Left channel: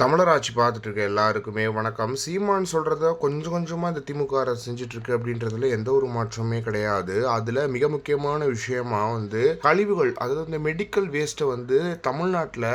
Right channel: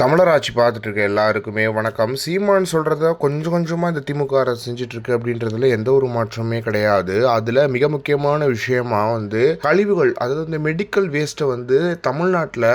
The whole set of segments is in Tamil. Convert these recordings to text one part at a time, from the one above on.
தமிழர் ஆட்சி பார்த்துட்டு இருக்க எல்லாருக்குமே வணக்கம். சீமான் சொல்கிறத கொஞ்சம் கொஞ்சமாக இந்த திமுக அரசு செஞ்சுட்ருக்கு அப்படின்றதுல எந்த ஒரு மாற்றமே கிடையாது. அதில் மிக முக்கியமான விஷயமா கழிவுகள், அதாவது இந்த மெடிக்கல் வேஸ்ட்டை தமிழ்நாட்டில்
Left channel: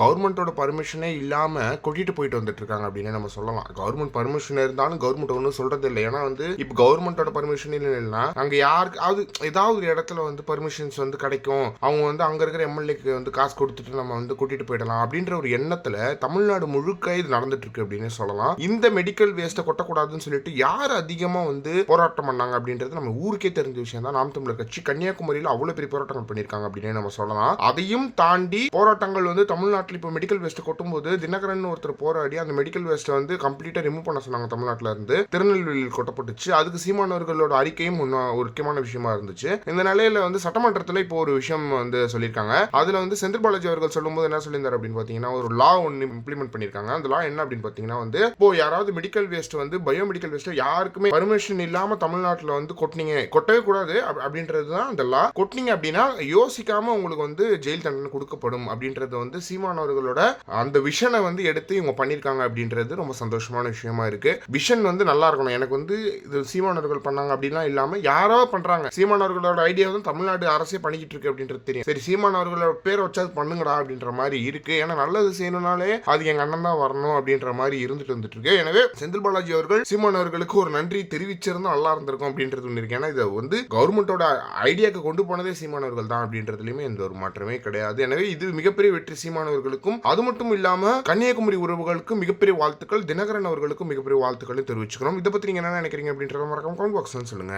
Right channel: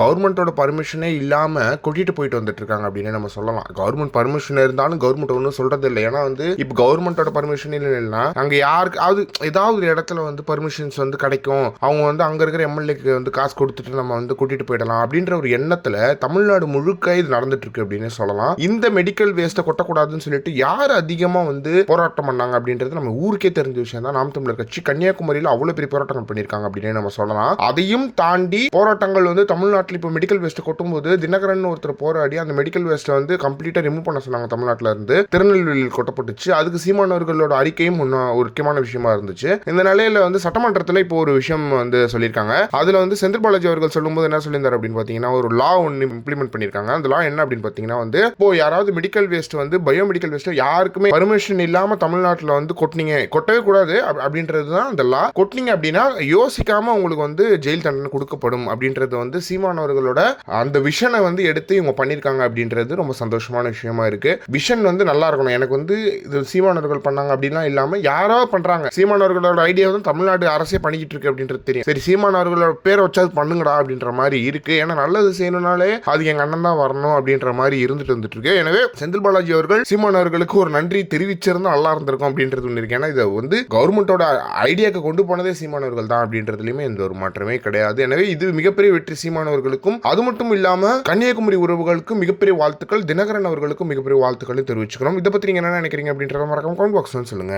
கவர்மெண்ட்டோட பர்மிஷனே இல்லாமல் கொட்டிட்டு போயிட்டு வந்துட்டுருக்காங்க அப்படின்னு நம்ம சொல்லலாம். கவர்மெண்ட் பர்மிஷன் இருந்தாலும் கவர்மெண்ட் ஒன்றும் சொல்கிறது இல்லை. ஏன்னா இப்போ கவர்மெண்ட்டோட பர்மிஷன் இல்லைன்னா அங்கே யாருக்கு ஏதாவது ஒரு இடத்துல பர்மிஷன்ஸ் கிடைக்கும், அவங்க அங்கே இருக்கிற எம்எல்ஏக்கு காசு கொடுத்துட்டு நம்ம கொட்டிட்டு போயிடலாம் அப்படின்ற ஒரு எண்ணத்தில் தமிழ்நாடு முழுக்க இது நடந்துட்டு இருக்கு அப்படின்னு சொல்லலாம். இந்த மெடிக்கல் வேஸ்ட்டை கொட்டக்கூடாதுன்னு சொல்லிட்டு யார் அதிகமாக போராட்டம் பண்ணாங்க அப்படின்றது நம்ம ஊருக்கே தெரிஞ்ச விஷயம் தான். நாம் தமிழர் கட்சி கன்னியாகுமரியில் அவ்வளோ பெரிய போராட்டங்கள் பண்ணியிருக்காங்க அப்படின்னு நம்ம சொல்லலாம். அதையும் தாண்டி போராட்டங்கள் தமிழ்நாட்டில் இப்போ மெடிக்கல் வேஸ்ட்டை கொட்டும்போது தினகரன் ஒருத்தர் போராடி அந்த மெடிக்கல் வேஸ்ட்டை கம்ப்ளீட்டாக ரிமூவ் பண்ண சொன்னாங்க. தமிழ்நாட்டில் இருந்து திருநெல்வேலியில் கொட்டப்பட்டுச்சு. அதுக்கு சீமானவர்களோட அறிக்கையும் ஒரு முக்கியமான விஷயமா இருந்துச்சு. இந்த நிலையில சட்டமன்றத்தில் இப்போ ஒரு விஷயம் சொல்லியிருக்காங்க. அதில் செந்தில் பாலாஜி அவர்கள் சொல்லும்போது என்ன சொல்லியிருந்தார் அப்படின்னு பார்த்தீங்கன்னா, ஒரு லா ஒன்று இம்ப்ளிமெண்ட் பண்ணிருக்காங்க. அந்த லா என்ன அப்படின்னு பாத்தீங்கன்னா இப்போ யாராவது medical waste bio medical waste யாருக்குமே பர்மிஷன் இல்லாம தமிழ்நாட்டில் கொட்டினீங்க, கொட்டவே கூடாது அப்படின்றது தான் அந்த லா. கொட்டினீங்க அப்படின்னா யோசிக்காம உங்களுக்கு ஜெயில் தண்டனை கொடுக்கப்படும் அப்படின்றது சீமானவர்களோட அந்த விஷனை எடுத்து இவங்க பண்ணிருக்காங்க அப்படின்றது ரொம்ப சந்தோஷமான விஷயமா இருக்கு. விஷன் நல்லா இருக்கணும். எனக்கு இது சீமானவர்கள் பண்ணாங்க அப்படின்லாம் இல்லாம யாரோ பண்றாங்க. சீமானவர்களோட ஐடியா தமிழ்நாடு அரசே பண்ணிக்கிட்டு இருக்கு அப்படின்றது தெரியும். சரி, சீமானவர்களோட பேரை வச்சாது பண்ணுங்கடா அப்படின்ற மாதிரி இருக்கு. ஏன்னா நல்லது செய்யணும்னாலே அது எங்க அண்ணன் தான் வரணும் அப்படின்ற மாதிரி வந்துட்டு இருக்கு. எனவே செந்தில் பாலாஜி அவர்கள் சீமான் அவர்களுக்கு ஒரு நன்றி தெரிவிச்சிருந்தா நல்லா இருந்திருக்கும் அப்படின்றது ஒன்று இருக்கு. ஏன்னா இதை கவர்மெண்டோட ஐடியாக்கு கொண்டு போனதே சீமானவர்கள் தான் அப்படின்றதுலயுமே எந்த ஒரு மாற்றமே கிடையாது. எனவே இது மிகப்பெரிய வெற்றி சீமானவர்களுக்கும். அது மட்டும் இல்லாம கன்னியாகுமரி உறவுகளுக்கும் மிகப்பெரிய வாழ்த்துக்கள், தினகரன் அவர்களுக்கும் மிகப்பெரிய வாழ்த்துக்களை தெரிவிச்சுக்கிறோம். இதை பத்தி நீங்க என்ன நினைக்கிறீங்க அப்படின்றத மறக்காம கமெண்ட் பாக்ஸ்ல சொல்லுங்க.